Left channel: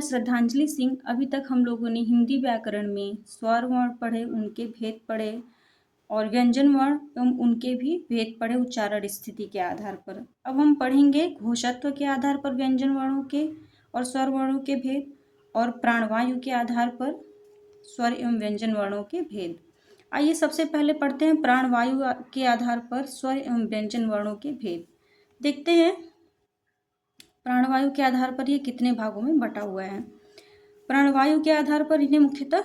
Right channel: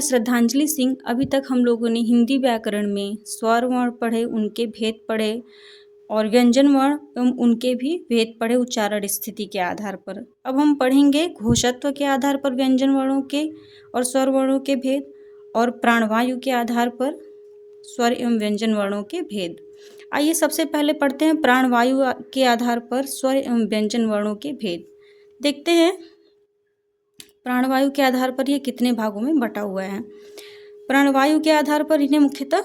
मैं श्रद्धांजलि सिंह। अभी तक हम लोगों ने हिंदी व्याकरण में स्वर वर्ण पढ़े, उनके भेद पढ़े और व्यंजन वर्ण एवं उनके भी भेद पढ़े उच्चारण स्थिति के आधार पर। अब हम पढ़ेंगे घोषत्व के आधार पर व्यंजन वर्णों के और स्वर वर्णों के भेद और प्राणवायु के आधार पर स्वर एवं व्यंजन वर्णों के भेद। आइए सबसे पहले पढ़ते हैं प्राणवायु के आधार पर स्वर एवं व्यंजन वर्णों के भेद। देखते हैं प्राणवायु के आधार पर ये कितने भागों में बटा हुआ है। प्राणवायु के आधार पर इन्हें मुख्यतः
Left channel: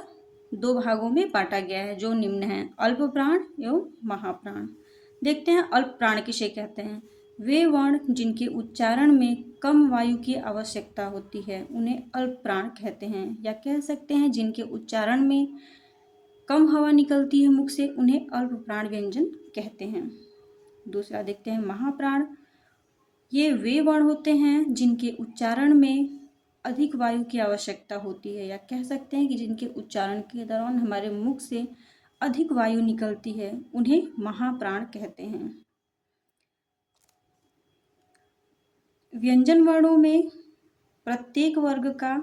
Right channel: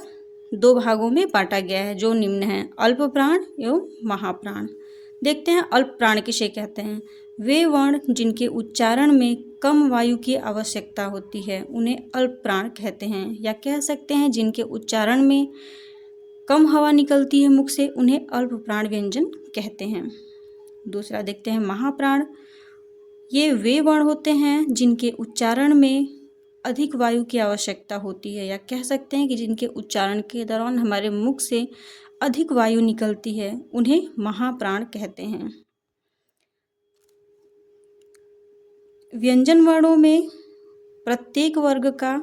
दो भागों में बांटा गया है जो निम्न है, अल्प प्राण एवं महाप्राण। देखते हैं अल्प प्राण किसे कहते हैं। वे वर्ण जिनके उच्चारण में कम वायु की आवश्यकता होती है उन्हें अल्प प्राण कहते हैं, या कह सकते हैं जिनके उच्चारण में कम हवा निकलती है मुख से उन्हें अल्प प्राण व्यंजन कहते हैं। दूसरा देखते हैं महाप्राण। ये वे वर्ण होते हैं जिनके उच्चारण में अधिक वायु की आवश्यकता होती है, या कह सकते हैं कि जिनके उच्चारण के दौरान हमारे मुख से अधिक वायु निकलती है उन्हें महाप्राण कहते हैं। व्यंजन वर्णों में प्रत्येक वर्ग का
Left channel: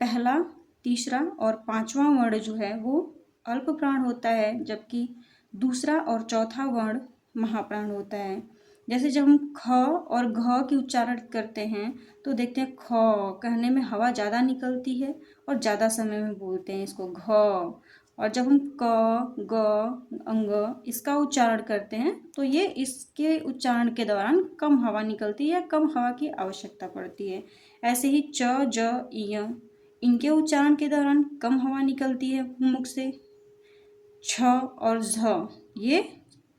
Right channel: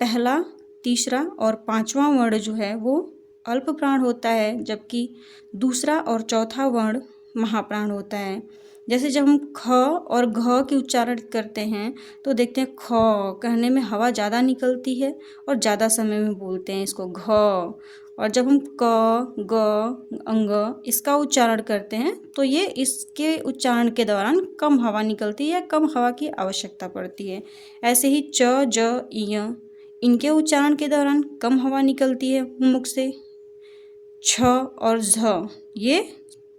पहला, तीसरा और पांचवा वर्ण जो है वो अल्प प्राण होता है, जबकि दूसरा और चौथा वर्ण महाप्राण होता है। जैसे जब हम ख और घ के उच्चारण करते हैं तो देखते हैं ख कहने में हवा ज़्यादा निकलती है और ज़्यादा समय में बोलते हैं इसको घ, और जब हम क, ग, अंग इसका उच्चारण करते हैं तो ये इसके उच्चारण के दौरान कम हवा निकलती है, कम हवा की आवश्यकता पड़ती है। ऐसे ही च, ज, य इनके उच्चारण के दौरान कम हवा निकलती है मुख से। छ और झ ये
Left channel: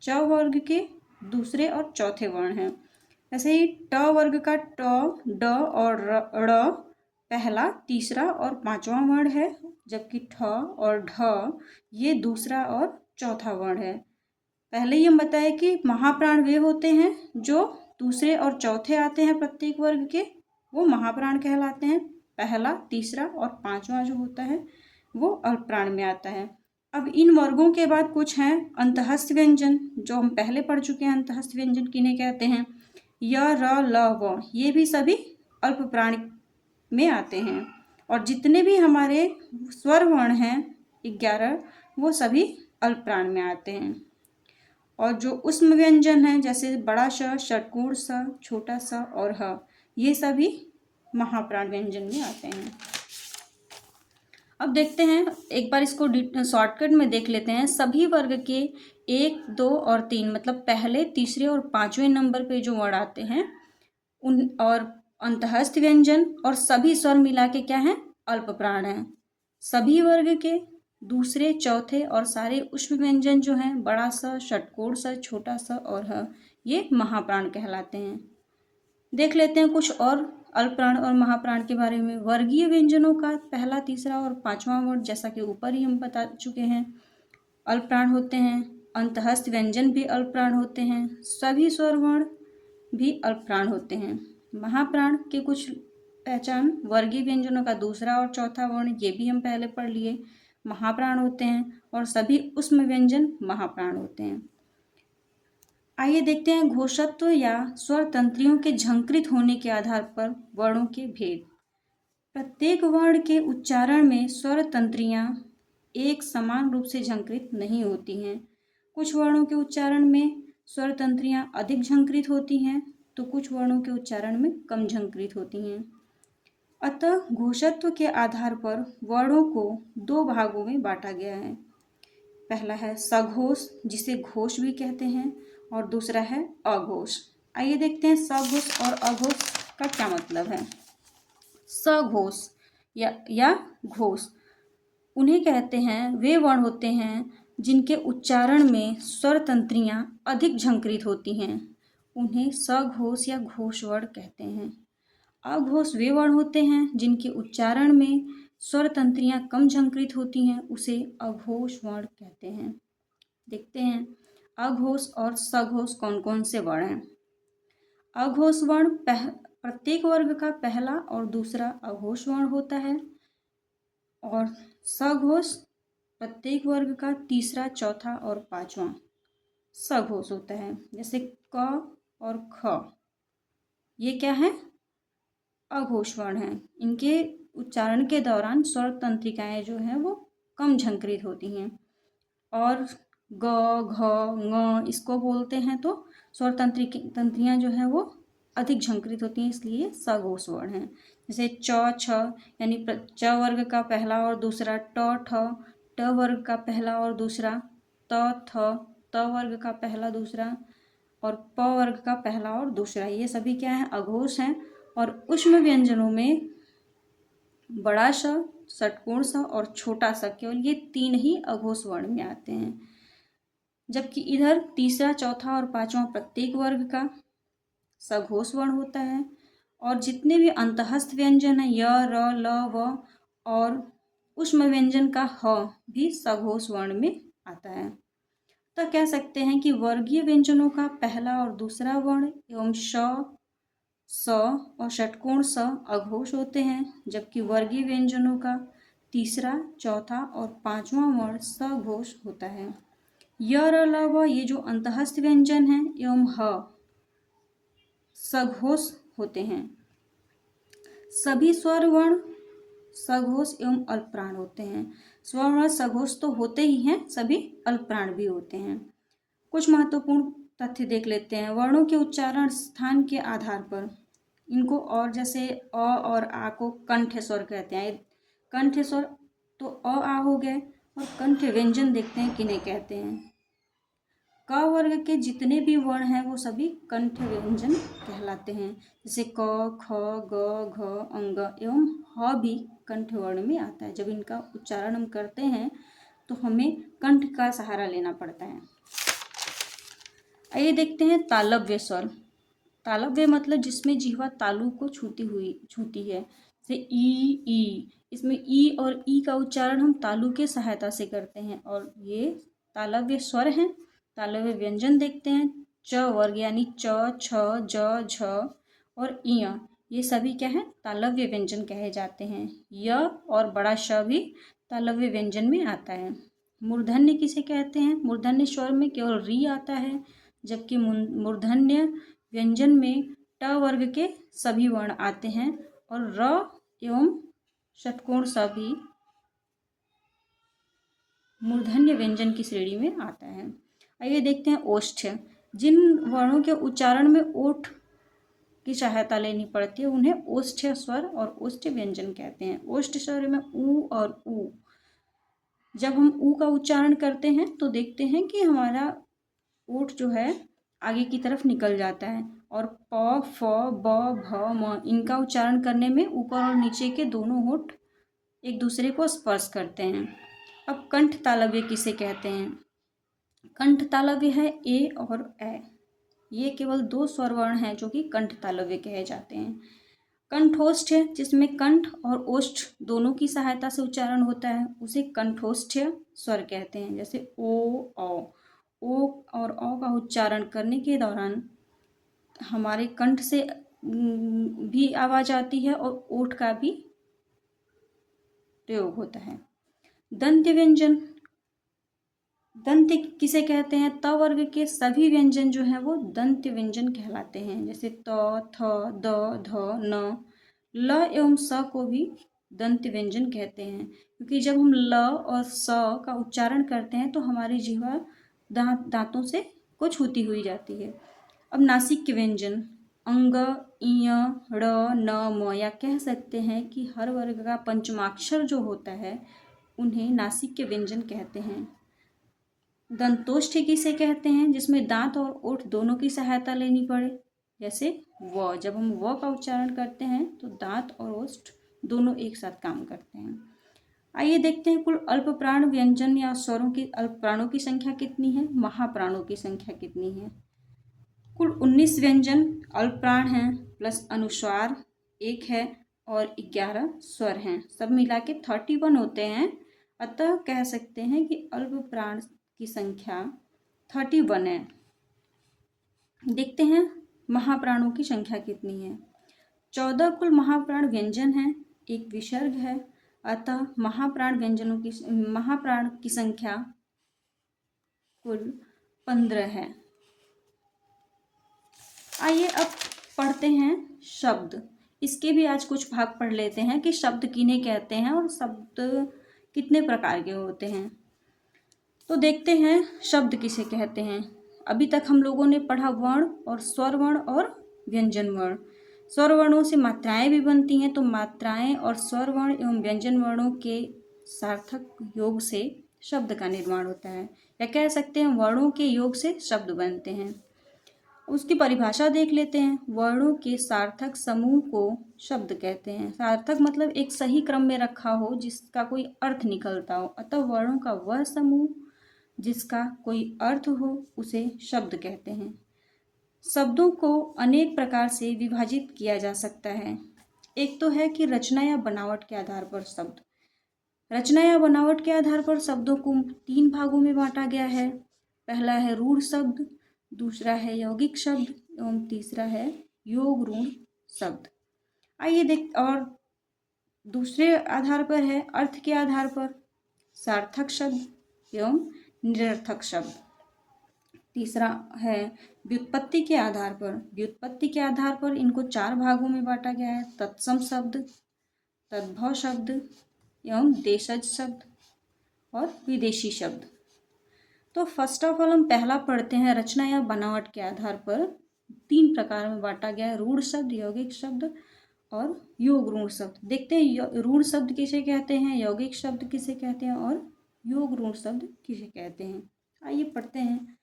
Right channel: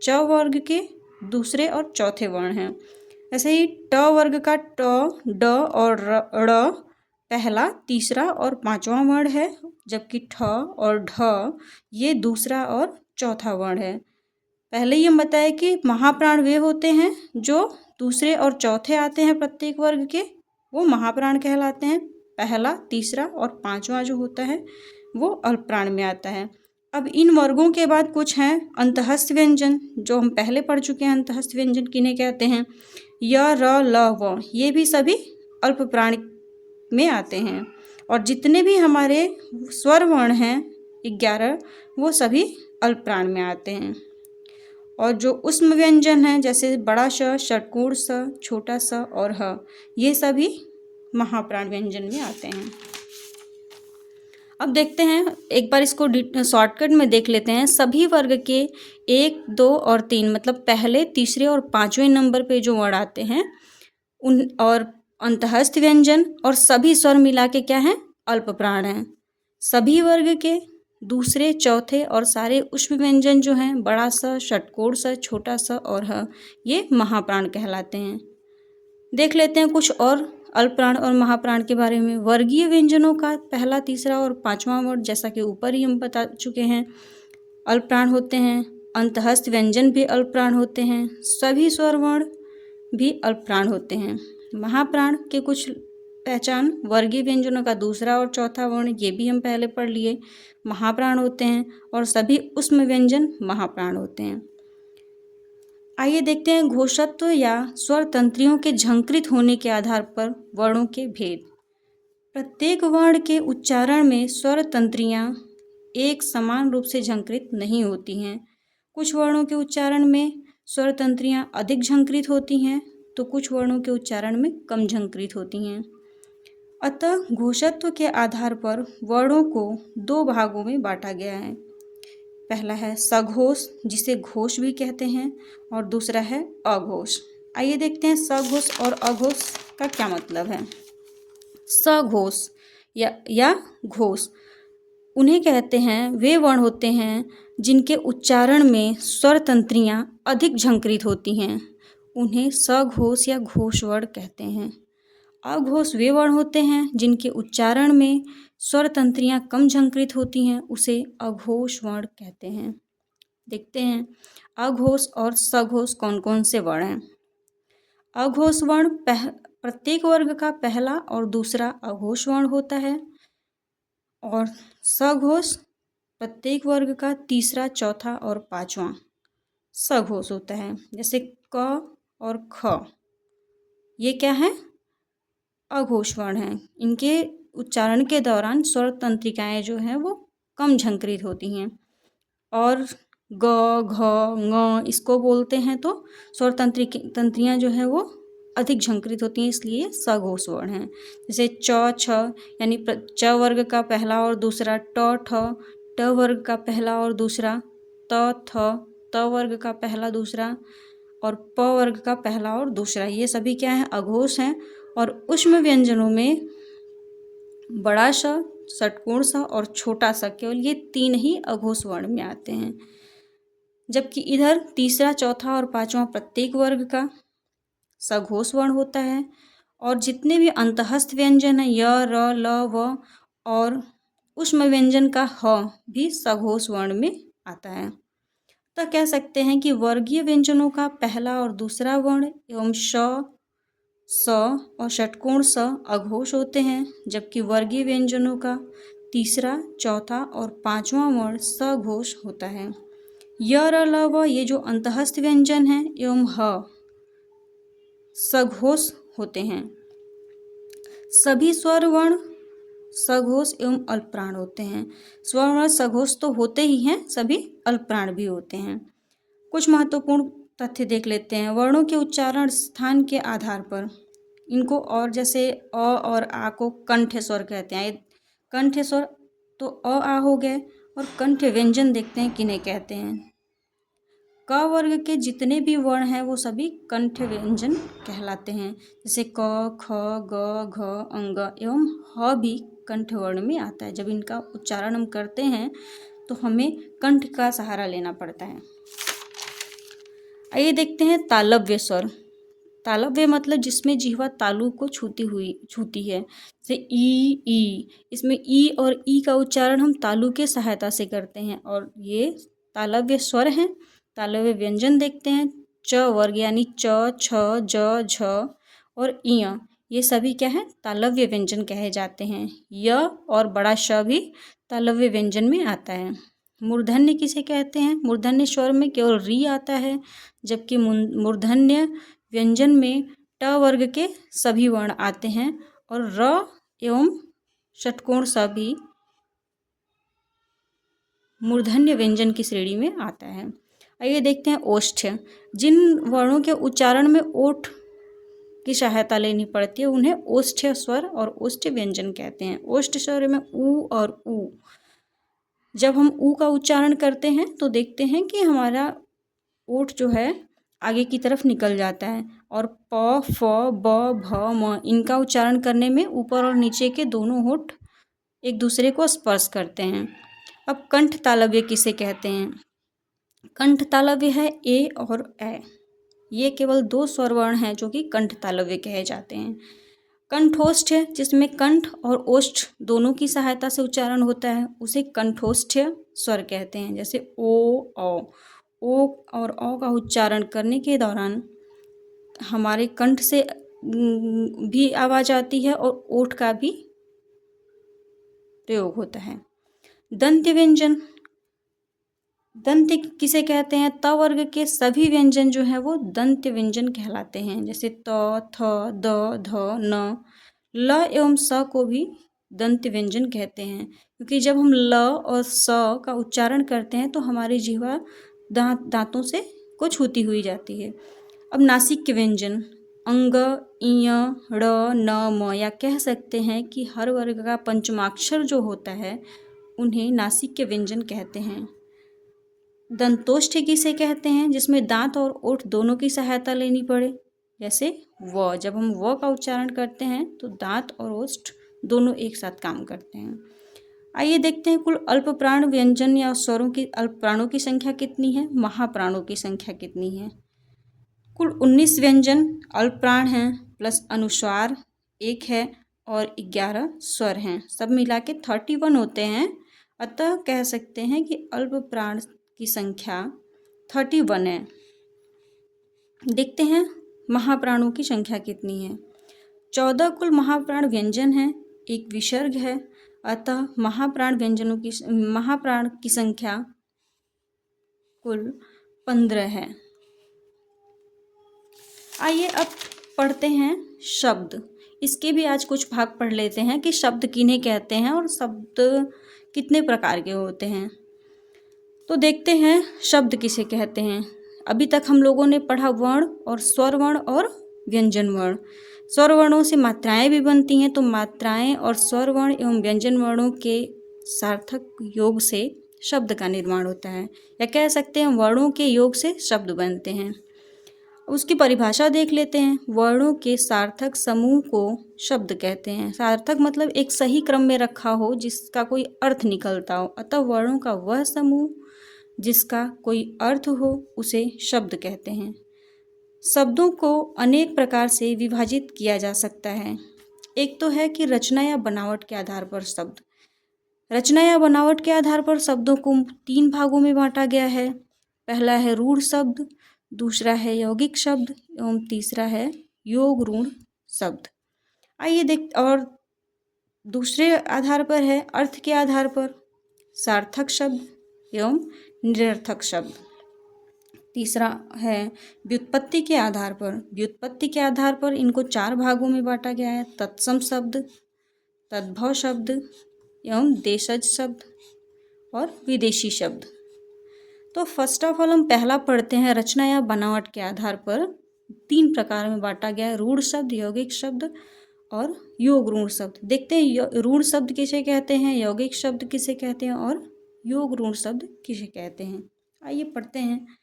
च वर्ग के दूसरे और चौथे वर्ण हैं। ऐसे ही ट वर्ग का ट, ड और ड़ पहला, तीसरा और पांचवा वर्ण है, जबकि ठ और ढ ये दूसरा और चौथा वर्ण है। पहले ही हम बताया कि महाप्राण वे होते हैं जो दूसरे और चौथे आते हैं प्रत्येक वर्ग के, वो महाप्राण कहलाते हैं। पहला, तीसरा और पांचवा जो होता है वो अल्प प्राण में आता है। अब इन वर्गों के बाद कुछ हैं अंतःस्थ व्यंजन, जो हम पहले पढ़ चुके हैं। अंतःस्थ व्यंजन किन्हें कहते हैं। य, र, ल, व ये भी सभी अल्प प्राण में आते हैं, और जितने भी हमारे स्वर वर्ण हैं 11 वो सभी अल्प प्राण में आते हैं। और जो उष्म व्यंजन हैं जैसे बड़ा श, षट्कोण स, छोटा स और ह ये सभी महाप्राण व्यंजन में आते हैं। अब देखते हैं एक बार इसको शॉर्टकट में देख लेते हैं। सभी वर्ग के 1, 2 और 3 मतलब पहले, तीसरे और पांचवें नंबर पे जो वर्ण आते हैं उन और अंतःस्थ व्यंजन और सभी स्वर मिला के क्या हैं, अल्प प्राण हैं। सभी वर्ग के दूसरे, चौथे और सारे उष्म व्यंजन जो हैं बड़ा स, षट्कोण स, छोटा स और ह ये महाप्राण कहलाते हैं। देख लेते हैं कुछ और अल्प प्राण और महाप्राण के बारे में। वर्गीय व्यंजनों का पहला, तीसरा और पांचवा वर्ण जैसा कि ऊपर ही हम बता चुके हैं अल्प प्राण होते हैं। अंतःस्थ व्यंजन भी अल्प प्राण होते हैं। सभी स्वर वर्ण भी अल्प प्राण होते हैं। महाप्राण के कुछ पहचान, वर्गीय व्यंजनों का दूसरा और चौथा वर्ण ये भी हम पहले पढ़ लिए, महाप्राण होते हैं, और सभी उष्म व्यंजन महाप्राण होते हैं। आइए देखते हैं घोषत्व या स्वर तंत्रियों के झंकृत होने के आधार पर वर्णों के भेद। प्रत्येक वर्ण के उच्चारण में स्वर तंत्रियां एक समान रूप से झंकृत नहीं होती हैं। कुछ वर्णों के उच्चारण में स्वर तंत्रियां अधिक झंकृत होती हैं तो कुछ वर्णों के उच्चारण में कम झंकृत होती हैं। अतः घोषत्व के आधार पर वर्णों को दो भागों में बांटा गया है। पहला है सघोष जिसे घोष भी कहते हैं, और दूसरा है अघोष। आइए देखते हैं सघोष और अघोष का क्या मतलब है। सघोष या घोष उन्हें कहते हैं वे वर्ण होते हैं जिनके उच्चारण में स्वर तंत्रियां अधिक झंकृत होती हैं, उन्हें सघोष या घोष वर्ण कहते हैं। अघोष वे वर्ण होते हैं जिनके उच्चारण में स्वर तंत्रियां कम झंकृत होती हैं, उसे अघोष वर्ण कहते हैं। देखते हैं अघोष और सघोष कौन कौन से वर्ण हैं। अघोष वर्ण प्रत्येक वर्ग का पहला और दूसरा अघोष वर्ण होता है, और सघोष प्रत्येक वर्ग का तीसरा, चौथा और पांचवा सघोष होता है। जैसे क और ख ये क्या है, अघोष वर्ण हैं। इनके उच्चारण के दौरान स्वर तंत्रिकाएं जो हैं वो कम झंकृत होती हैं। और ग, घ, ङ इसको बोलते हैं तो स्वर तंत्रियाँ जो हैं वो अधिक झंकृत होती हैं, इसलिए सघोष वर्ण हैं। जैसे च, छ यानी च वर्ग का पहला और दूसरा, ट, ठ ट वर्ग का पहला और दूसरा, त, थ त वर्ग का पहला दूसरा, और प वर्ग का पहला और दूसरा, ये सभी क्या हैं? अघोष हैं। और ऊष्म व्यंजनों में बड़ा श, षटकोण स और छोटा स, केवल ये 3 ही अघोष वर्ण में आते हैं। जबकि इधर तीसरा, चौथा और पांचवा प्रत्येक वर्ग का सघोष वर्ण होता है। और जितने भी अंतःस्थ व्यंजन हैं य, र, ल, व और ऊष्म व्यंजन का ह भी सघोष वर्ण में आता है। तो कह सकते हैं कि वर्गीय व्यंजनों का पहला और दूसरा वर्ण एवं श, स और षटकोण स अघोष होते हैं, जबकि वर्गीय व्यंजनों का तीसरा, चौथा और पांचवा वर्ण सघोष होता है। य, र, ल, व ये जो अंतःस्थ व्यंजन हैं एवं ह सघोष होते हैं। सभी स्वर वर्ण सघोष एवं अल्पप्राण होते हैं। स्वर वर्ण सघोष तो होते ही हैं, सभी अल्पप्राण भी होते हैं। कुछ महत्वपूर्ण तथ्य देख लेते हैं। वर्णों के उच्चारण स्थान के आधार पर इनको, और जैसे अ और आ को कंठ स्वर कहते हैं। कंठ स्वर तो अ, आ हो गए, और कंठ व्यंजन देखते हैं किन्हें कहते हैं। क वर्ग के जितने भी वर्ण हैं वो सभी कंठ व्यंजन कहलाते हैं। जैसे क, ख, ग, घ, अंग एवं ह भी कंठ वर्ण में आता है। जब इनका उच्चारण हम करते हैं तो हमें कंठ का सहारा लेना पड़ता है। आइए देखते हैं तालव्य स्वर। तालव्य मतलब जिसमें जिह्वा तालु को छूती है। जैसे ई। इसमें ई और ई का उच्चारण हम तालु के सहायता से करते हैं, और ये तालव्य स्वर हैं। तालव्य व्यंजन देखते हैं। च वर्ग यानी च, छ, ज, झ और इय, ये सभी क्या है? तालव्य व्यंजन कहे जाते हैं। य और बड़ा श भी तालव्य व्यंजन में आता है। मूर्धन्य किसे कहते हैं? मूर्धन्य स्वर में केवल री आता है, जबकि मूर्धन्य व्यंजन में ट वर्ग के सभी वर्ण आते हैं, और र एवं षटकोण स भी मूर्धन्य व्यंजन की श्रेणी में आता है। आइए देखते हैं ओष्ठ्य। जिन वर्णों के उच्चारण में ओठ की सहायता लेनी पड़ती है उन्हें ओष्ठ्य स्वर और ओष्ठ्य व्यंजन कहते हैं। ओष्ठ्य स्वर में ऊ और ऊ, जब हम ऊ का उच्चारण करते हैं तो देखते हैं कि हमारा ओठ जो है आगे की तरफ निकल जाता है, और प, फ, ब, भ, म इनका उच्चारण करने में ऊपर और नीचे के दोनों होठ एक दूसरे को स्पर्श करते हैं। अब कंठ तालव्य किसे कहते हैं? कंठ तालव्य है ए और ए। ये केवल 2 स्वर वर्ण हैं जो कि कंठ तालव्य कहे जाते हैं। कंठोष्ठ है, जिसमें कंठ और ओष्ठ दोनों की सहायता से उच्चारण होता है, उसे कंठोष्ठ स्वर कहते हैं। जैसे ओ और औ का उच्चारण करने के दौरान हमारे कंठ से भी आवाज आती है और ओठ का भी प्रयोग होता है। दंत्य व्यंजन, दंत्य किसे कहते हैं? त वर्ग के सभी व्यंजन जो हैं वो दंत्य व्यंजन कहलाते हैं। जैसे त, थ, द, ध, न। ल एवं स को भी दंत्य व्यंजन कहते हैं, क्योंकि जब हम ल और स का उच्चारण करते हैं तो हमारी जिह्वा दांतों से को छूती हुई जाती है। अब नासिक व्यंजन अंग, इय, ड़, न, म, या कह सकते हैं कि हर वर्ग का पंचमाक्षर जो होता है उन्हें नासिक व्यंजन कहते हैं। दंतोष्ठ किसे कहते हैं? जिसमें दांत और ओठ दोनों की सहायता लेनी पड़े। जैसे व, जब हम व का उच्चारण करते हैं तो दांत और ओष्ठ दोनों एक साथ काम करते हैं। आइए देखते हैं कुल अल्पप्राण व्यंजन या स्वरों की अल्पप्राणों की संख्या कितनी है, महाप्राणों की संख्या कितनी है। कुल 19 व्यंजन अल्पप्राण हैं, प्लस अनुस्वार 1 है और 11 स्वर हैं। सब मिला के 31 होते हैं। अतः कह सकते हैं कि अल्पप्राण की संख्या 31 है। देखते हैं महाप्राणों की संख्या कितनी है। 14 कुल महाप्राण व्यंजन हैं, एक विसर्ग है। अतः महाप्राण की संख्या कुल 15 है। आइए अब पढ़ते हैं शब्द। इसके भी आज कुछ भाग पढ़ लेते हैं कि शब्द किन्हें कहते हैं और शब्द कितने प्रकार के होते हैं। तो देखते हैं शब्द किसे कहते हैं। अभी तक हम लोगों ने पढ़ा वर्ण और स्वर वर्ण और व्यंजन वर्ण। स्वर वर्णों से मात्राएं भी बनती हैं, तो मात्राएं और स्वर वर्ण एवं व्यंजन वर्णों के सार्थक योग से शब्द का निर्माण होता है, या कह सकते हैं वर्णों के योग से शब्द बनते हैं। उसकी परिभाषा देख लेते हैं। वर्णों के सार्थक समूह को शब्द कहते हैं। सार्थक मतलब एक सही क्रम में रखा हो जिसका कोई अर्थ निकलता हो, अतः वर्णों का वह समूह जिसका कोई अर्थ हो उसे शब्द कहते हैं। शब्दों को अनेक प्रकार से विभाजित किया जा सकता है। एक तो है कि रचना या बनावट के आधार पर शब्द। रचना या बनावट के आधार पर शब्दों को 3 भागों में बांटा गया है। पहला है रूढ़ शब्द, दूसरा है यौगिक शब्द एवं तीसरा है योग रूढ़ शब्द। आइए देख, और दूसरे आधार पर है अर्थ के आधार पर सार्थक शब्द एवं निरर्थक शब्द। तीसरा है व्युत्पत्ति के आधार पर। व्युत्पत्ति के आधार पर इनको 4 भागों में बांटा गया है, तत्सम शब्द, तद्भव शब्द एवं देशज शब्द और विदेशी शब्द। तो फर्स्ट ऑफ ऑल हम पहला पढ़ते हैं। रचना या बनावट के आधार पर 3 प्रकार में बांटा गया है, रूढ़ शब्द, यौगिक शब्द और योग रूढ़ शब्द। देखते हैं रूढ़ शब्द किसे कहते हैं, यौगिक शब्द किसे कहते हैं और योग रूढ़ शब्द किसे कहते हैं। आइए पढ़ते हैं।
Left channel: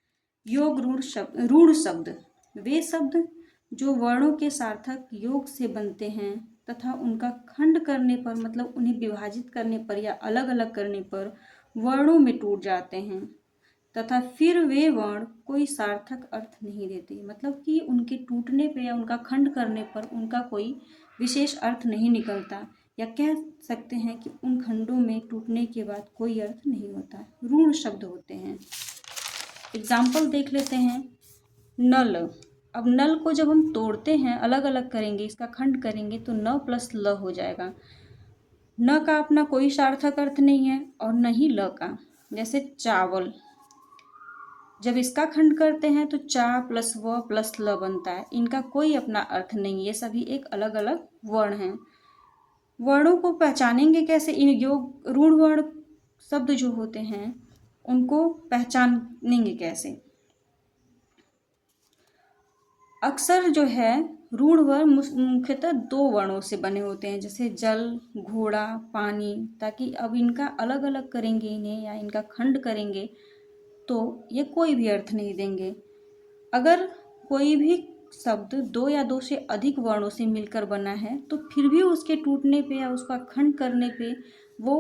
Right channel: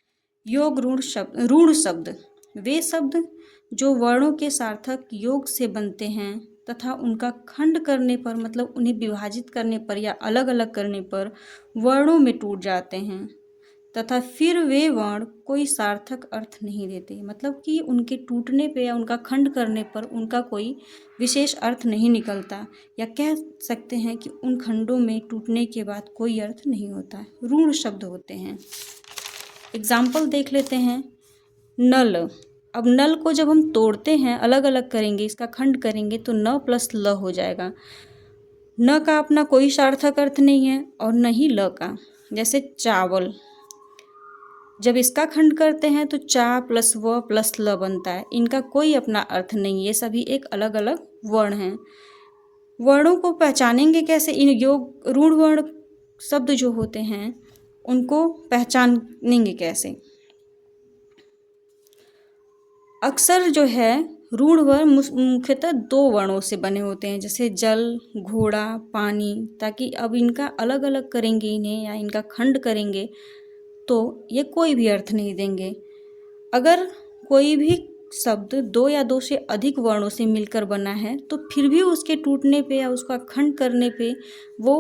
योग रूढ़ शब्द वे शब्द जो वर्णों के सार्थक योग से बनते हैं तथा उनका खंड करने पर, मतलब उन्हें विभाजित करने पर या अलग अलग करने पर वर्णों में टूट जाते हैं तथा फिर वे वर्ण कोई सार्थक अर्थ नहीं देते। मतलब कि उनके टूटने पे या उनका खंड करने पर उनका कोई विशेष अर्थ नहीं निकलता, या कह सकते हैं कि उन खंडों में टूटने के बाद कोई अर्थ नहीं होता। रूढ़ शब्द होते हैं। एग्जाम्पल देख लेते हैं। नल। अब नल को जब हम तोड़ते हैं, अलग अलग करेंगे, इसका खंड करेंगे तो न प्लस ल हो जाएगा। न का अपना कोई सार्थक अर्थ नहीं है और न ही ल का। जैसे चावल, जब इसका खंड करते हैं तो चा प्लस व प्लस ल बनता है। इनका कोई अपना अर्थ नहीं, ये सभी एक अलग अलग वर्ण हैं। वर्णों को पहचानेंगे कैसे? इन योग रूढ़ वर्ण शब्द जो होते हैं उनको पहचानेंगे कैसे? अक्सर जो है रूढ़ वर्ण मुख्यतः 2 वर्णों से बने होते हैं, जैसे जल, घोड़ा, पानी। ताकि अब इनका अलग अलग करेंगे इन्हें या इनका खंड करेंगे तो ये कोई भी अर्थ नहीं देंगे। अगर कोई भी शब्द 2 या 2 से अधिक वर्णों से मिलकर बना है तो फिर भी उसके टूटने पे या उसका खंड करने पे वो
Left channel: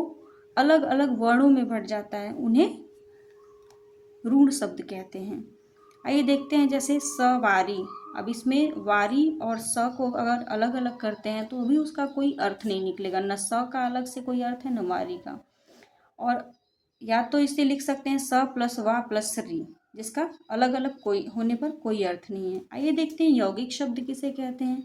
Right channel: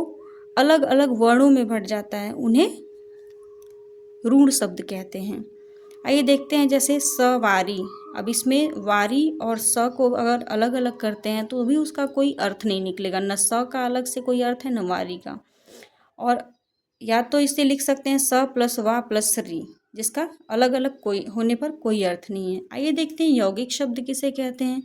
अलग अलग वर्णों में बंट जाता है, उन्हें रूढ़ शब्द कहते हैं। आइए देखते हैं, जैसे सवारी। अब इसमें वारी और स को अगर अलग अलग करते हैं तो भी उसका कोई अर्थ नहीं निकलेगा। न स का अलग से कोई अर्थ है न वारी का। और या तो इसे लिख सकते हैं स प्लस वा प्लस री, जिसका अलग अलग कोई होने पर कोई अर्थ नहीं है। आइए देखते हैं यौगिक शब्द किसे कहते हैं।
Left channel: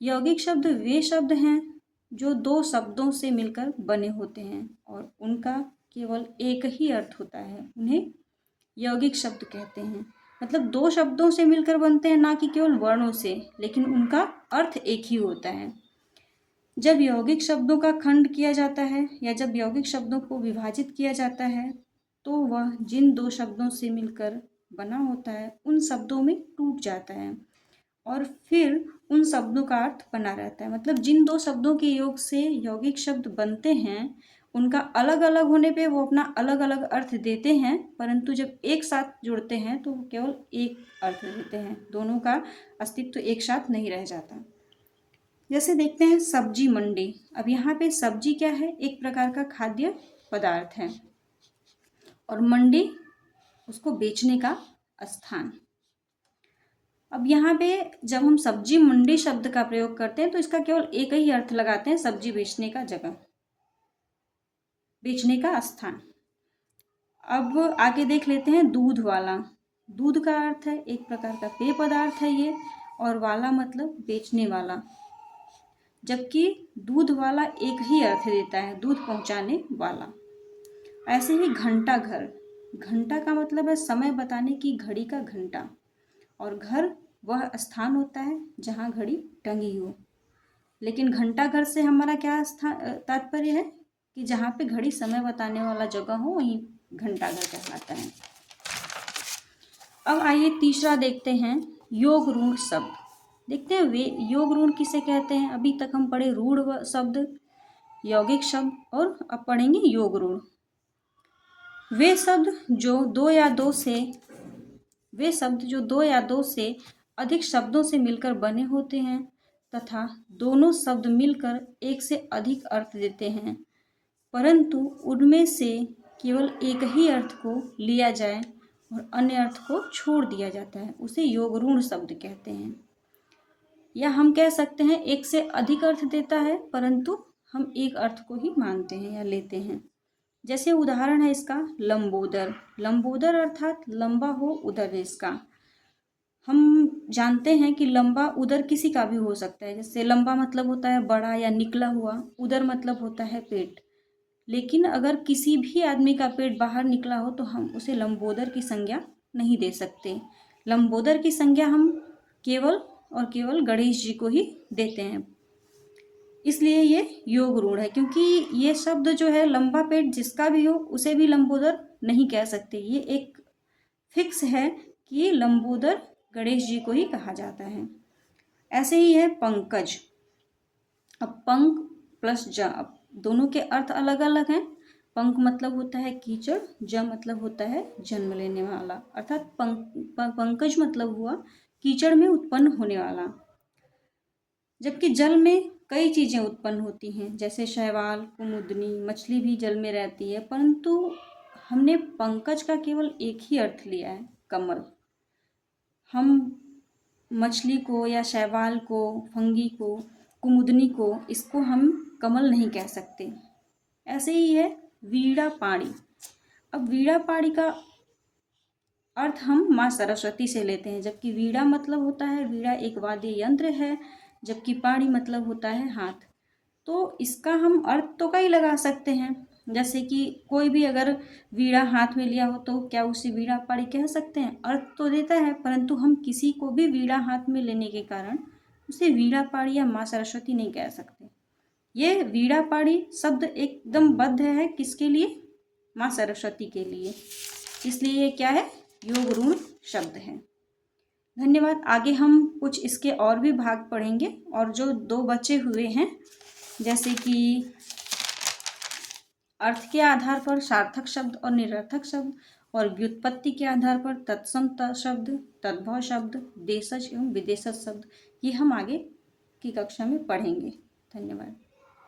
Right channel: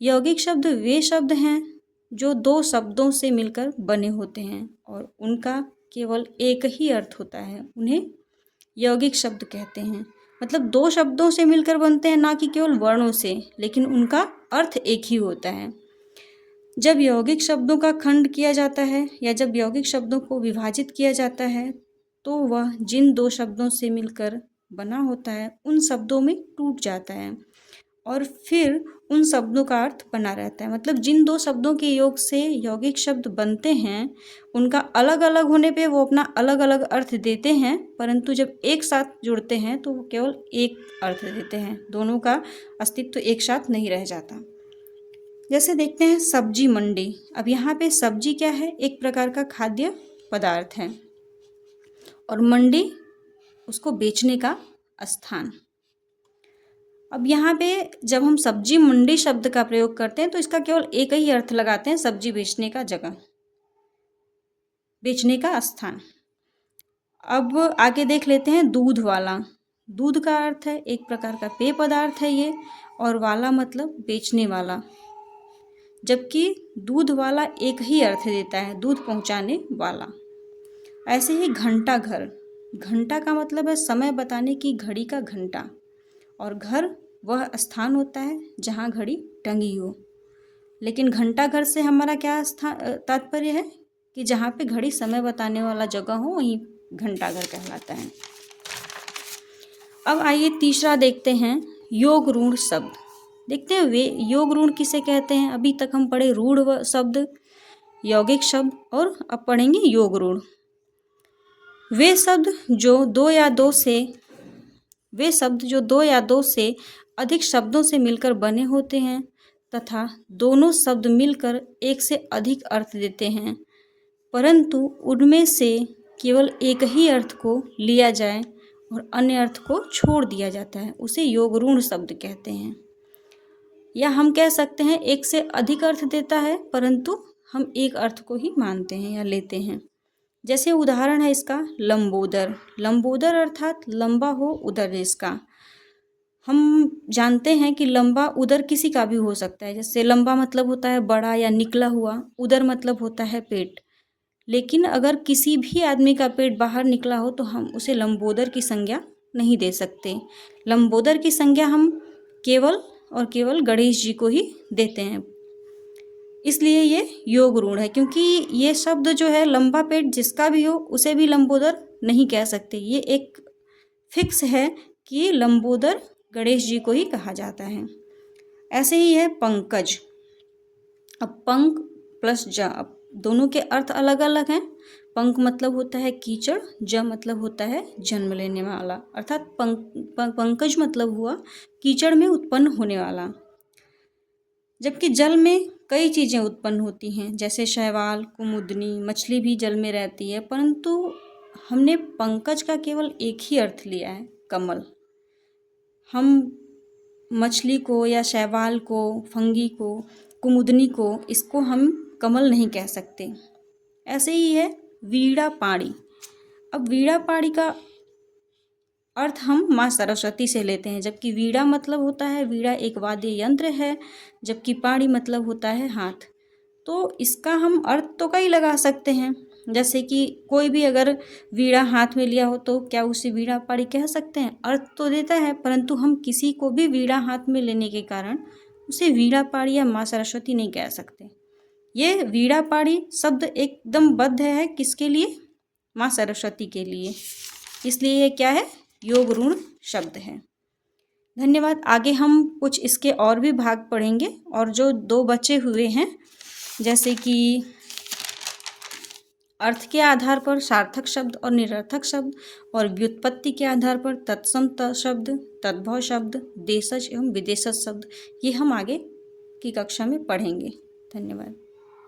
यौगिक शब्द वे शब्द हैं जो 2 शब्दों से मिलकर बने होते हैं और उनका केवल एक ही अर्थ होता है, उन्हें यौगिक शब्द कहते हैं। मतलब 2 शब्दों से मिलकर बनते हैं, ना कि केवल वर्णों से, लेकिन उनका अर्थ एक ही होता है। जब यौगिक शब्दों का खंड किया जाता है या जब यौगिक शब्दों को विभाजित किया जाता है तो वह जिन 2 शब्दों से मिलकर बना होता है उन शब्दों में टूट जाता है और फिर उन शब्दों का अर्थ बना रहता है। मतलब जिन 2 शब्दों के योग से यौगिक शब्द बनते हैं उनका अलग अलग होने पे वो अपना अलग अलग अर्थ देते हैं, परंतु जब एक साथ जुड़ते हैं तो वो केवल एक अर्थ देते हैं, दोनों का अस्तित्व एक साथ नहीं रह जाता। जैसे देखते हैं सब्जी मंडी। अब यहाँ पे सब्जी क्या है? एक प्रकार का खाद्य पदार्थ है और मंडी उसको बेचने का स्थान। अब यहाँ पे जब हम सब्जी मंडी शब्द का प्रयोग करते हैं तो इसका केवल एक ही अर्थ लगाते हैं, सब्जी बेचने का जगह, बेचने का स्थान। अब आगे देख लेते हैं दूध वाला। दूध का अर्थ है एक प्रकार का पेय पदार्थ है ये, और वाला मतलब बेचने वाला, जबकि दूध वाला एक ही अर्थ देता है, दूध पहुंचाने वाला। ऐसे ही घंटा घर। घंटा का मतलब है समय बताने की घड़ी का घंटा, और घर वह स्थान होता है जहाँ घड़ी टंगी हो। लेकिन घंटाघर से हमारा क्या तात्पर्य है कि जहाँ पे घड़ी समय बताने वाला जगह हो वहीं घंटाघर कहलाता है। अब आइए तीसरा देखते हैं, योग ऋण शब्द। देखते हैं वे योग ऋण किसे कहते हैं। अभी तक हम पढ़े रूढ़ शब्द, यौगिक शब्द, और अब पढ़ेंगे योग ऋण। वे शब्द जो दो या दो से अधिक शब्दों से मिलकर बने होते हैं तथा दोनों शब्द मिलकर एक से अधिक अर्थ देते हैं, परंतु उनमें से केवल एक ही अर्थ को लिया जाए और अन्य अर्थ को छोड़ दिया जाता है, उसे योग ऋण शब्द कहते हैं। या हम कह सकते हैं एक से अधिक अर्थ देता है परंतु हम एक अर्थ को ही मानते हैं या लेते हैं। जैसे उदाहरण है इसका लंबोदर। लंबोदर अर्थात लंबा हो उदर जिसका। हम जानते हैं कि लंबा उदर किसी का भी हो सकता है। जैसे लंबा मतलब होता है बड़ा या निकला हुआ, उदर मतलब होता है पेट। लेकिन अगर किसी भी आदमी का पेट बाहर निकला हो तो हम उसे लंबोदर की संज्ञा नहीं दे सकते। लंबोदर की संज्ञा हम केवल और केवल गणेश जी को ही देते हैं। इसलिए ये योग ऋण है, क्योंकि ये शब्द जो है लंबा पेट जिसका भी हो उसे भी लंबोदर नहीं कह सकते। ये एक फिक्स है कि लंबोदर गणेश जी को ही कहा जाता है। ऐसे ही है पंकज। अब पंक प्लस ज, अब दोनों के अर्थ अलग अलग हैं। पंक मतलब होता है कीचड़, ज मतलब होता है जन्म लेने वाला, अर्थात पंकज मतलब हुआ कीचड़ में उत्पन्न होने वाला। जबकि जल में कई चीज़ें उत्पन्न होती हैं, जैसे शैवाल, कुमुदनी, मछली भी जल में रहती है, परंतु हमने पंकज का केवल एक ही अर्थ लिया है, कमल। हम मछली को या शैवाल को, फंगी को, कुमुदनी को, इसको हम कमल नहीं कह सकते। ऐसे ही है वीणा पाणी। अब वीणा पाणी का अर्थ हम माँ सरस्वती से लेते हैं, जबकि वीणा मतलब होता है, वीणा एक वाद्य यंत्र है, जबकि पाणी मतलब होता है हाथ। तो इसका हम अर्थ तो कई लगा सकते हैं। जैसे कि कोई भी अगर वीणा हाथ में लिया हो तो क्या उसे वीणा पाणी कह सकते हैं? अर्थ तो देता है, परंतु हम किसी को भी वीणा हाथ में लेने के कारण उसे वीणा पाणी या माँ सरस्वती नहीं कह सकते। ये वीणा पाणी शब्द एकदम बद्ध है किसके लिए? माँ सरस्वती के लिए। इसलिए ये क्या है? योग ऋण शब्द है। धन्यवाद। आगे हम कुछ इसके और भी भाग पढ़ेंगे, और जो दो बचे हुए हैं, जैसे कि अर्थ के आधार पर सार्थक शब्द और निरर्थक शब्द, और व्युत्पत्ति के आधार पर तत्सम शब्द, तद्भव शब्द, देशज एवं विदेशज शब्द, ये हम आगे की कक्षा में पढ़ेंगे। धन्यवाद।